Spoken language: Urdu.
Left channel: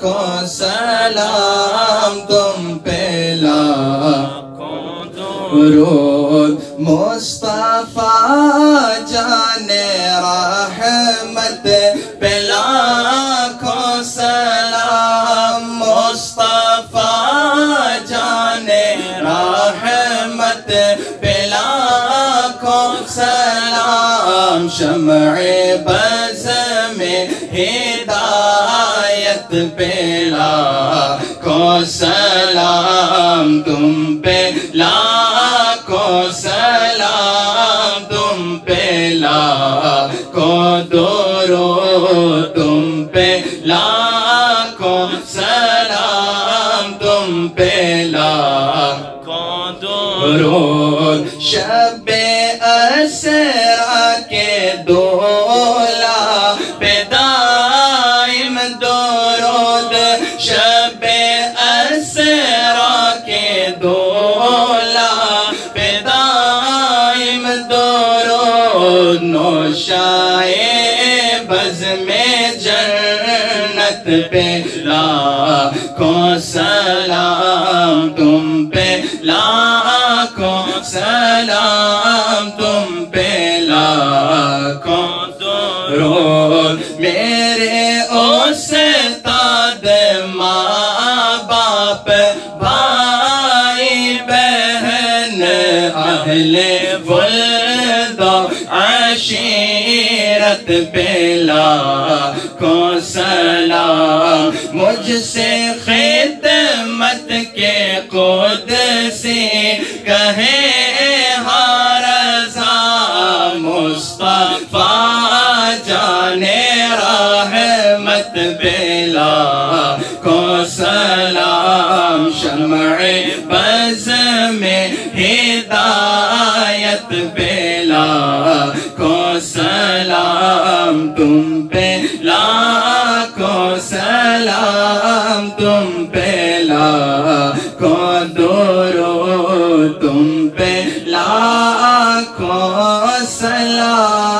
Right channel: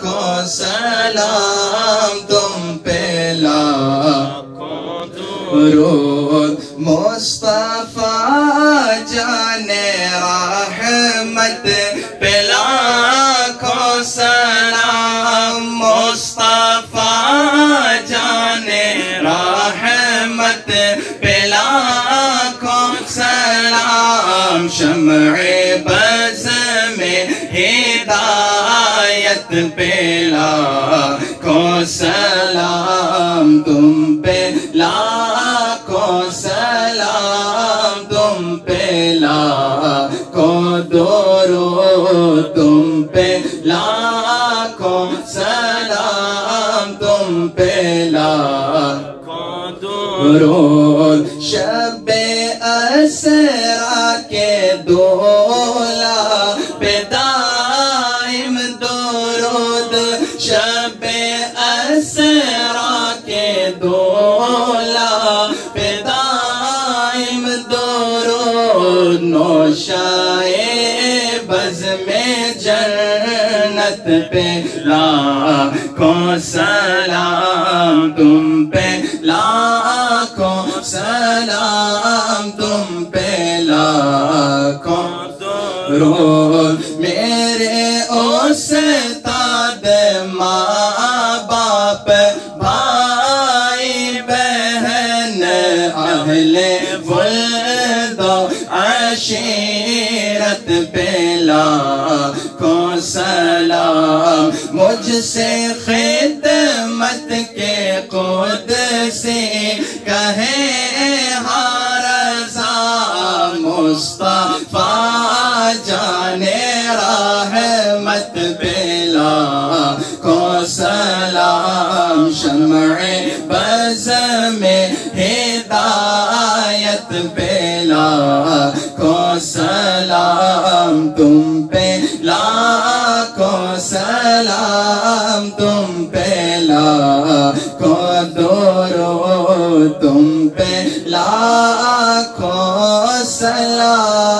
کو سلام تم پہ لاکھوں درود مصطفیٰ جان رحمت پہ لاکھوں سلام مصطفیٰ جان رحمت پہ لاکھوں سلام شمع بز میں ہدایت پہ لاکھوں سلام تم پہ لاکھوں سلام تم پہ لاکھوں درود تم پہ لاکھوں سلام تم پہ لاکھوں درود شب اسرا کے دولا پہ دائم درود شب اسرا کے دولا پہ دائم درود نوشائے بز میں جنت پہ لاکھوں سلام تم پہ لاکھوں سلام تم پہ لاکھوں درود میرے استاد ماں باپ بھائی بہن اہل ولد و عشیرت پہ لاکھوں سلام مجھ سے خدمت کے قدسی کہیں ہاں رضا مصطفیٰ جان رحمت پہ لاکھوں سلام شمع بز میں ہدایت پہ لاکھوں سلام تم پہ لاکھوں سلام تم پہ لاکھوں درود تم پہ لاکھوں سلام